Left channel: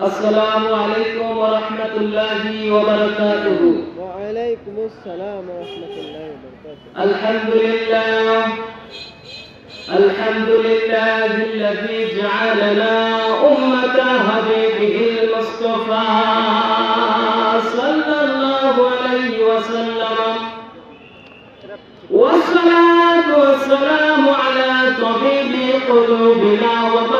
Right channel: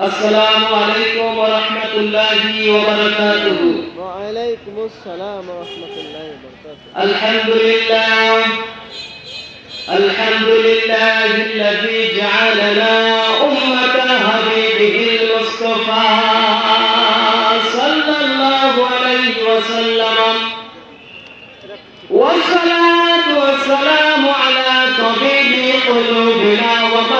السلام عليكم ورحمة الله وبركاته. وعليكم السلام ورحمة الله وبركاته. الحمد لله الحمد لله الذي جعلنا أمة حبيبه المصطفى صلى الله عليه وسلم. والصلاة والسلام على طبيب قلوبنا وقلوبنا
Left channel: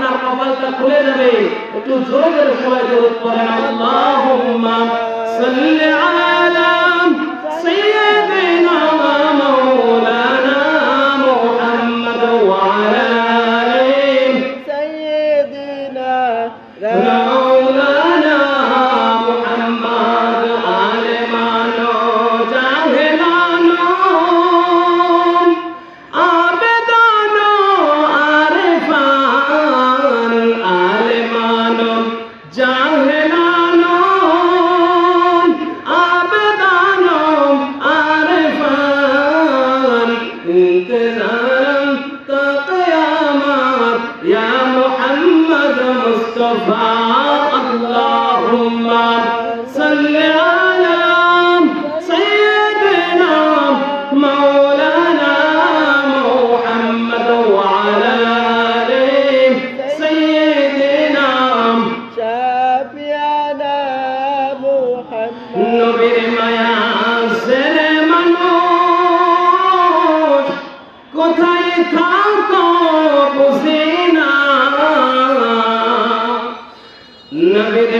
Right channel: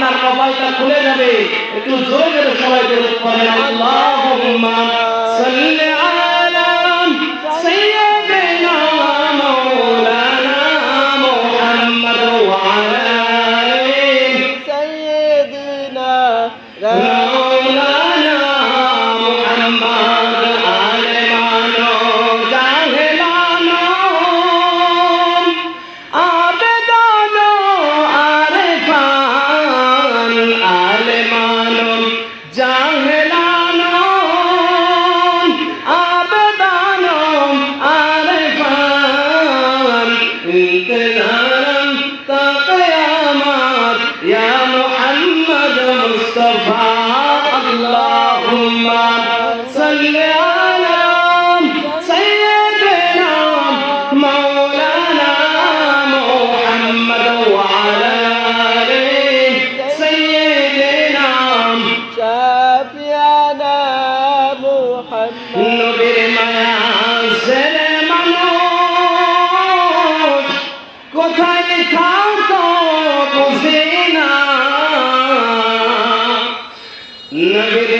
আপনার কপালটা খুলে যাবে একটু জোরে সবাই বলে আল্লাহুম্মা সাল্লি আলা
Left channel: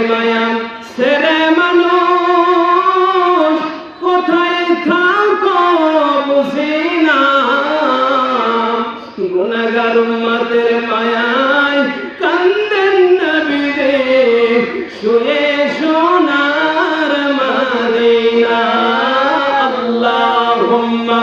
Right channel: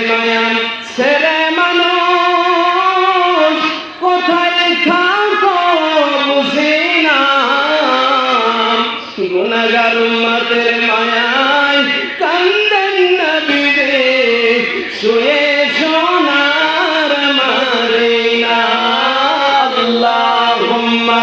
নয়ন ছেলে মানুষ, কোথায় থাকো বুঝি না। গুণাগার উম্মতের মায়ায় কান্দন নবী রে শুয়ে সোনার মারে। আল্লাহুম্মা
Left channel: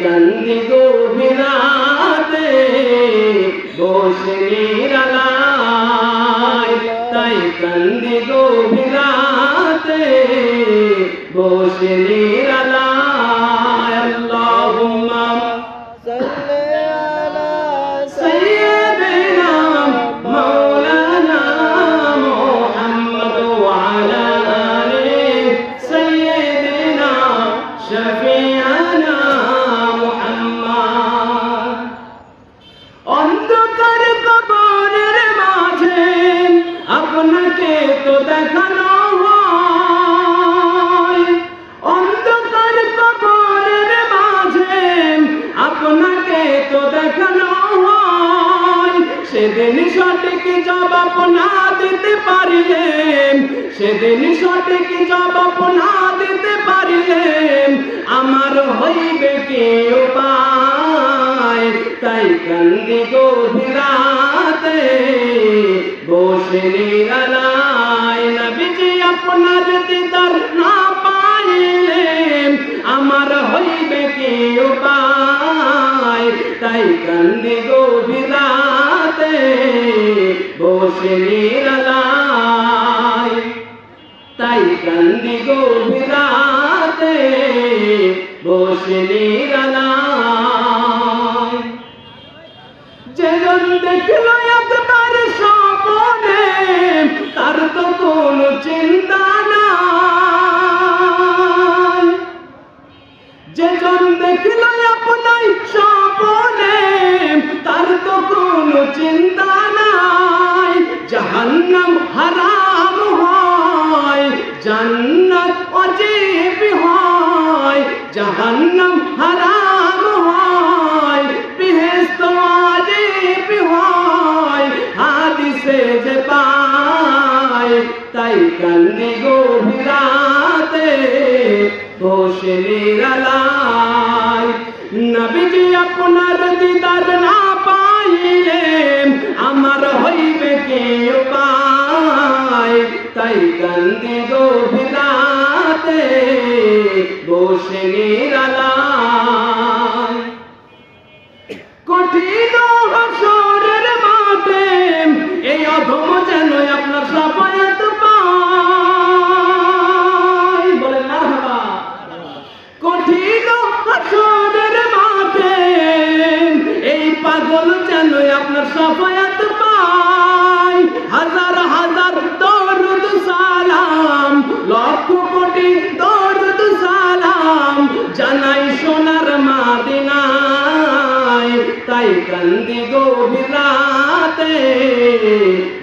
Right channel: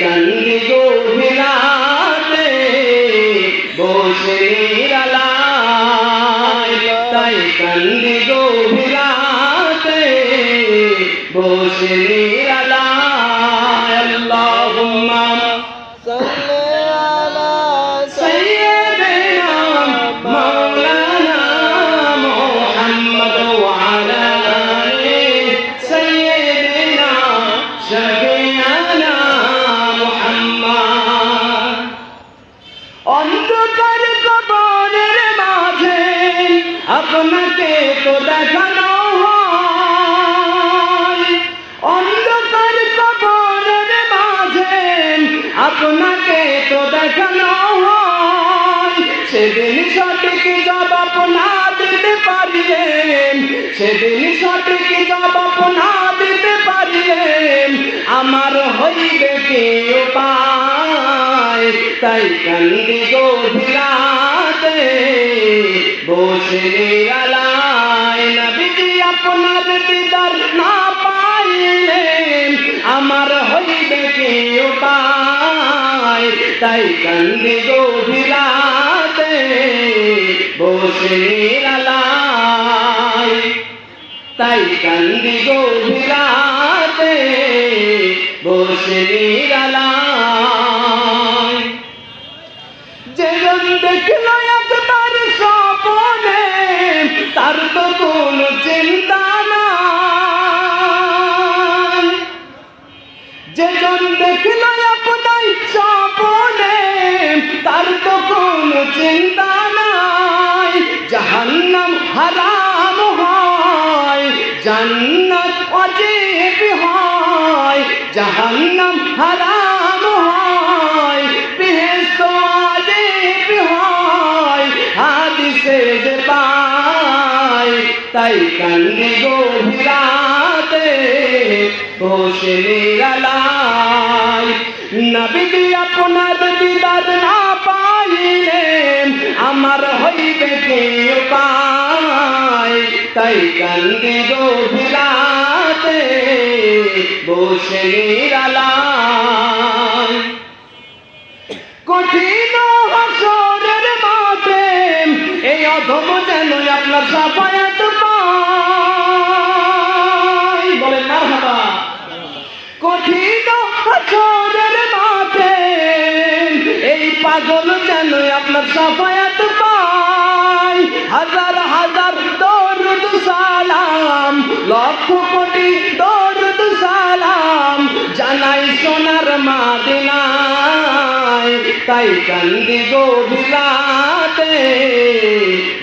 কান্দি গভীরাতে বসে তাই কান্দি গভীরাতে বসে নিরালায়। সেদিন সঠিক জবাব না দিতে পারিলেন সেদিন সঠিক জবাব না দিতে পারিলেন আমার হইবে কে উপায় তাই কান্দি গভীরাতে বসে নিরালায়। নবীজি আপনার দিদার না পাইলেন আমার হইবে কে উপায় তাই কান্দি গভীরাতে বসে তাই কান্দি গভীরাতে বসে যেজন দেখল একবার স্বপনে, তার তো কোনো চিন্তা নাই। যেজন দেখল আপনার স্বপনে, তার তো কোনো চিন্তা হারাম হয়, জান্নাত অজীব হয়, জাহান্নাম হারাম হয়, বেহেশত অজীব হয়, হাদিসে যে পায় তাই কান্দি গভীরাতে বসে নিরালায়। নবীজি তাই কান্দি বসে নিরালায়। কঠিন হাসরের মাঠে এই অধম যেন আপনার সাফায়াত তাই কান্দি গভীরাতে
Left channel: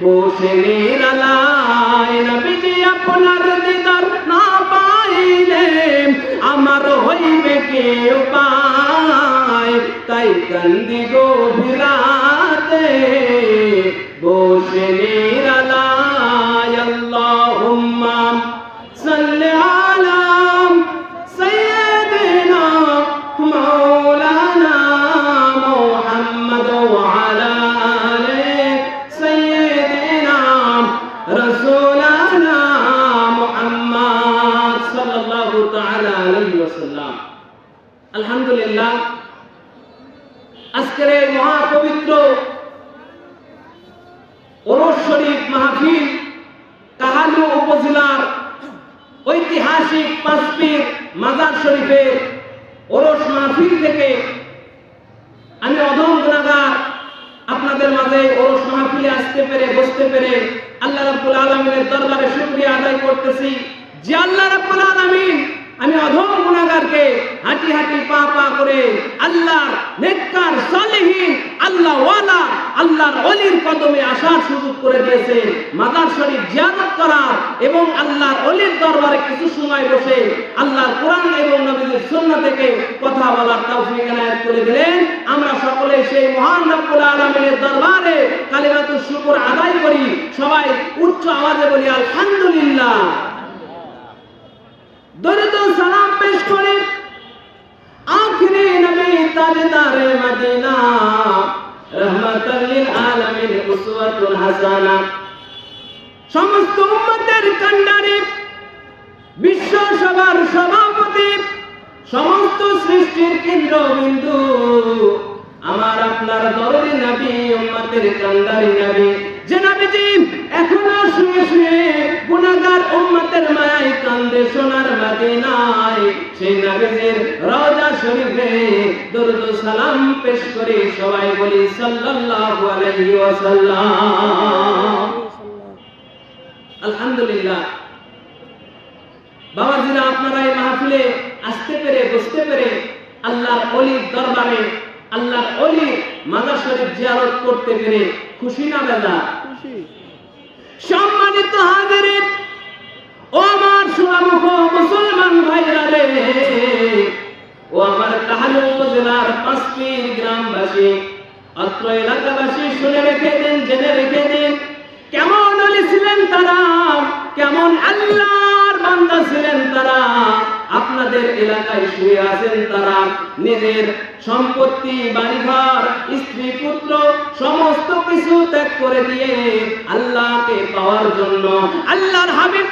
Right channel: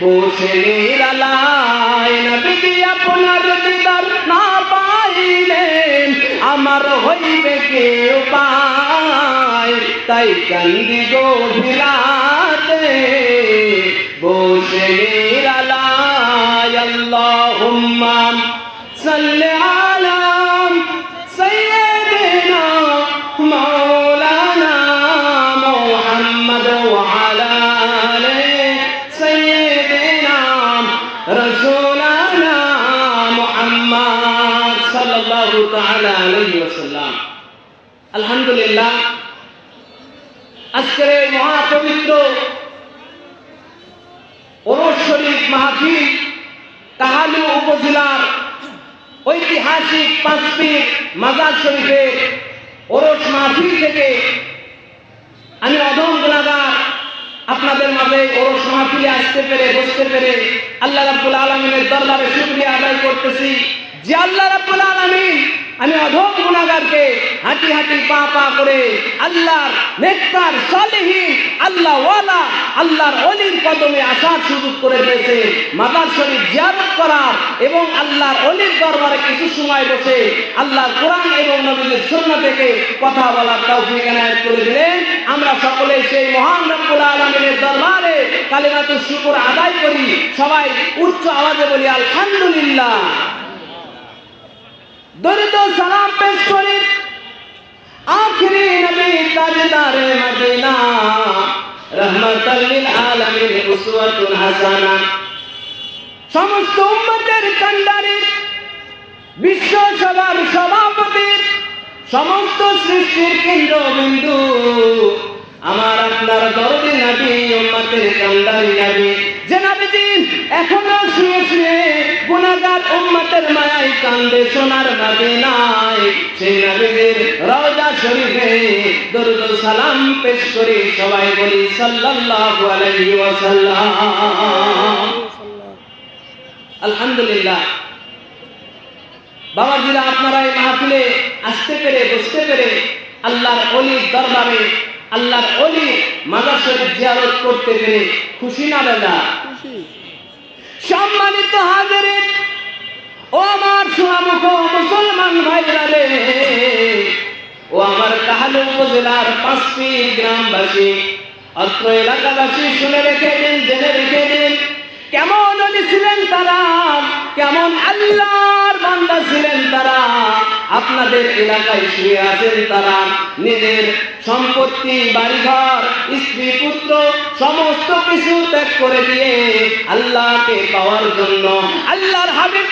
বসে নিরালায়। নবীজি আপনার দিদার না পাইলে আমার হইবে কে পায়। তাই কান্দি গভীরাতে বসে নিরালায় উপজেলার ঐতিহাসিক পাঁচপীর মাজার শরীফে ওরস মাহফিল থেকে আমি অধম গুণাগার। আপনাদের মাঝে ওরস মাহফিলে আসতে পেরে, বসতে পেরে আল্লাহ রাব্বুল আলমিনের দরবারে শুকরিয়া আদায় করতেছি। যে আল্লাহ রাব্বুল আলমিন, আমি অধম গুণাগারকে হাঁটি হাঁটি পা পা করে আল্লাহর নেককার সালেহীন আল্লাহ ওয়ালা আল্লাহর অলির কদমে আসার সুযোগ করে দিয়েছে। মাদার শরীফ জিয়ারত করার এবং আল্লাহর অলির দরবারে কিছু সময় বসে আল্লাহর কোরআন এবং নবীদের সুন্নাহ থেকে কথা বলার তৌফিক এনায়েত করে দিলেন। আমরা সকলে সেই মহান রব্বুল আলামিনের দরবারে কালিমাতুর শুকর আদায় করি। সবাই উচ্চ আওয়াজে বলি, আলহামদুলিল্লাহ। দরিদ্র সালাম পেশ করে। আখিরি নবী তাজদারে মদিনা, রহমাতাল লিল আলামিন উসওয়াতুল হাসানা। সমস্ত উম্মতের কান্ডারে বিশ্ব সভার সভাপতি, সমস্ত সৃষ্টির কেন্দ্রবিন্দু আমার আপনার দরদি নবী, উম্মতের কান্দারি নবী। যে নবীজি এখনও শুয়ে শুয়ে গুনাহগার কান্দে সোনার নাই। সেই নবীর রওজা শরীফে দরুদ সালাম পেশ করি সবাই বলি সাল্লাল্লাহু আলাইহি ওয়াসাল্লাম। আলহামদুলিল্লাহ। বাবাজিরা আপনারা এই মাহফিলে আসতে পেরে বসতে পেরে আল্লাহর অলির দরবারে আল্লাহর অলি মাদার শরীফ জিয়ারত করতে পেরে খুশি না খুশি। সম্মানিত হাজিরে ও আমার পাঁচটি গ্রামবাসী, অত্র এলাকাবাসী জেনে রেখে কেমন ছিলেন তারা, কেমন আল্লাহর বান্দা ছিলেন তারা, আপনাদের এলাকায় শুয়ে আছেন তারা, নিজের সম্পত্তি, বাড়িঘর, স্ত্রী, পুত্র, সমস্ত কিছু ত্যাগ করে দিয়ে আল্লাহকে পাওয়ার জন্য, আল্লাহর হাবিব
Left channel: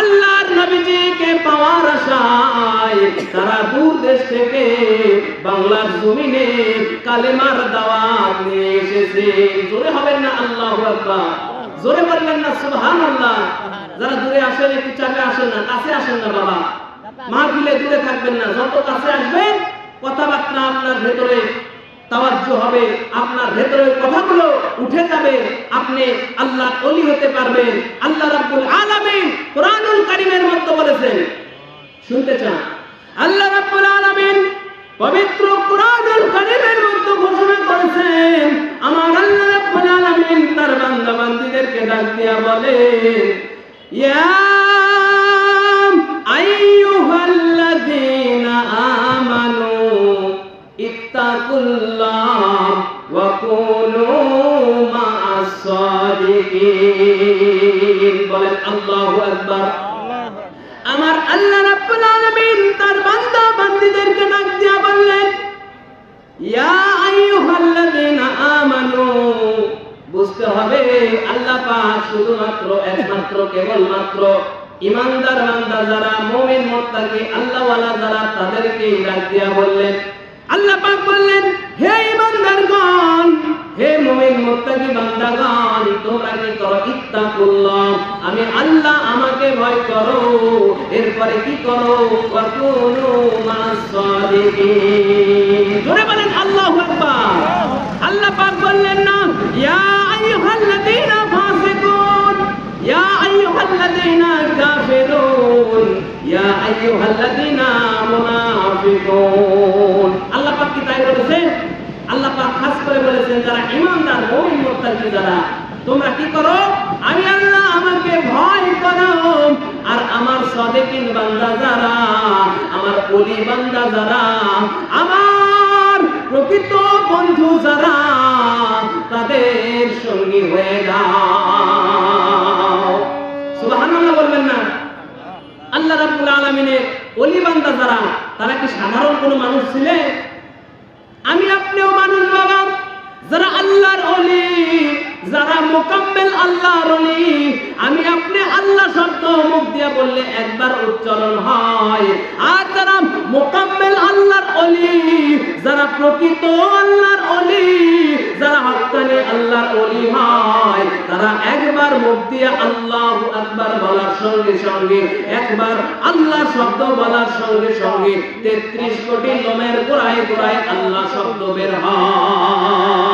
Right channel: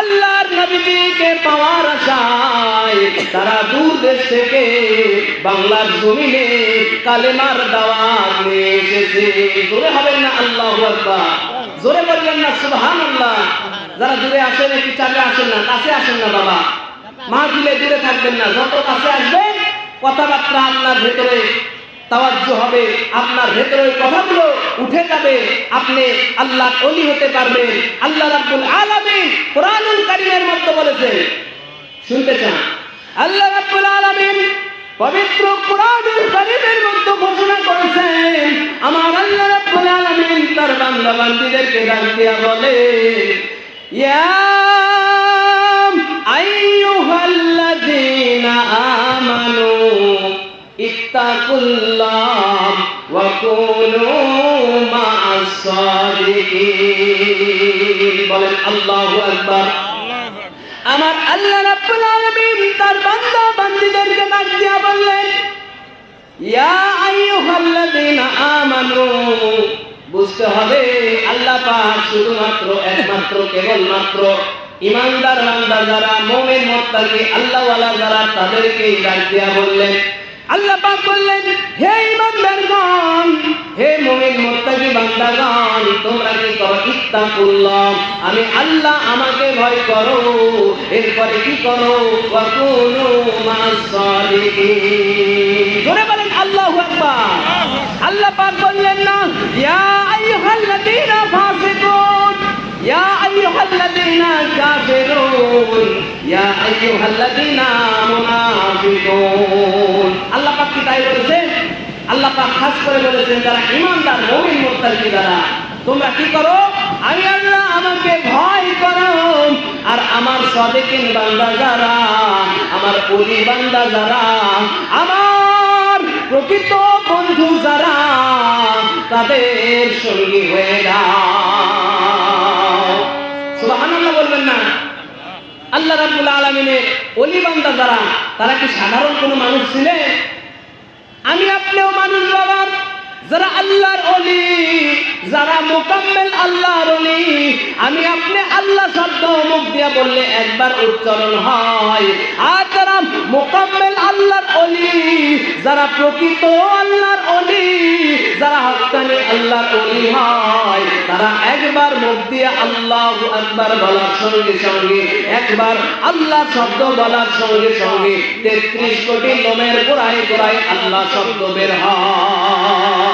আল্লাহর নবীজিকে পাওয়ার আশায় তারা দূর দেশ থেকে বাংলার জমিনে কালেমার দাওয়াত নিয়ে এসেছে। জোরে হবেন না আল্লাহু জোরে বলবেন না, সুবহানাল্লাহ। যারা দূরে আসেন একটু চাপে আসেন না, কাছে আসেন না বাবা। মা দিলে দূরে থাকবেন না, যত কাছে আসবেন, কথাবার্তা আপনার ভেতরে তাওয়াজ্জ হবে। আপনার ভেতরে ওই কথাগুলো উঠে যাবে। আপনি আল্লাহ অলি হতে পারবেন। আল্লাহ রাব্বুল আলামিন কোরআনুল কারীমের মধ্যে বলেছেন, শুনতে চান। আল্লাহ রাব্বুল আলামিন পবিত্র কোরআনুল কারীমের মধ্যে ঘোষণা করেছেন, আমার আল্লাহ রাব্বুল আলামিন তার বান্দা বান্দীদেরকে ডাক বলে, ইয়া ইত্তাকুল্লাহ ওয়া কুনু মা'আস সাদিকিন বলেন, আল্লাহু আকবার। আমার আল্লাহ রাব্বুল আলামিন তার বান্দা বান্দীদেরকে ডাক দিয়া বললেন, ইয়া আইয়ুহাল্লাযীনা আমানু। বুঝতে হবে, আল্লাহ পাক শুধুমাত্র একমাত্র, কেবলমাত্র ইমানদার বান্দা যারা, মুমিন মুত্তাকি, আল্লাহওয়ালা যারা তাদেরকে ডাক বললেন আল্লাহ পাক বললেন, হে ইমানদারগণ, হে মুমিন মুত্তাকি বান্দাগণ, তোমরা কি করো? ইত্তাকুল্লাহ, আমি আল্লাহ আমাকে ভয় করো। এরপরে কি করো? ওয়াকুনু মাস ধরে বলেন, আল্লাহু আকবার। আল্লাহ পাক বললেন, না, ইয়া আইয়ুহাল্লাযীনা কাফিরুন ইয়া আইয়ুহাল্লাযীনা মুনাফিকুন আল্লাহ পাক কি তাই আল্লাহ পাক খাস করে বলেছেন, যারা ঈমানদার, মুমিন মুত্তাকি যারা? তোমরা কি করো? আমি আল্লাহ আমাকে ভয় করো। আর আমার সাদেকিন বান্দা যারা, আমার ওলি বান্দা যারা, আমার প্রকৃত বন্ধু যারা, তাদের সঙ্গী হয়ে যাও। আল্লাহ রাবুল আলমিনের অলিবান্দা দ্বারা তারা কি সাধারণ কোনো মানুষ ছিলেন আমি আপনিও মানুষ বাবা যারা আল্লাহর অলি যারা মোকাম্মেল আল্লাহর অলি আমি আপনি আল্লাহ শব্দ মুখ দিয়ে বললে একবার উচ্চারণ হয়। আর যারা মোকাম্মেল আল্লাহর অলি যারা প্রকৃত আল্লাহর অলি যারা হাততালে আল্লাহর অলি হয়, তারা একবার মুখ দিয়ে আল্লাহ একবার বলার সঙ্গে সঙ্গে, একবার আল্লাহ শব্দ বলার সঙ্গে সঙ্গে তেত্রিশ কোটি লোমের গোড়ায় গোড়ায় আল্লাহ শব্দ বের হয়।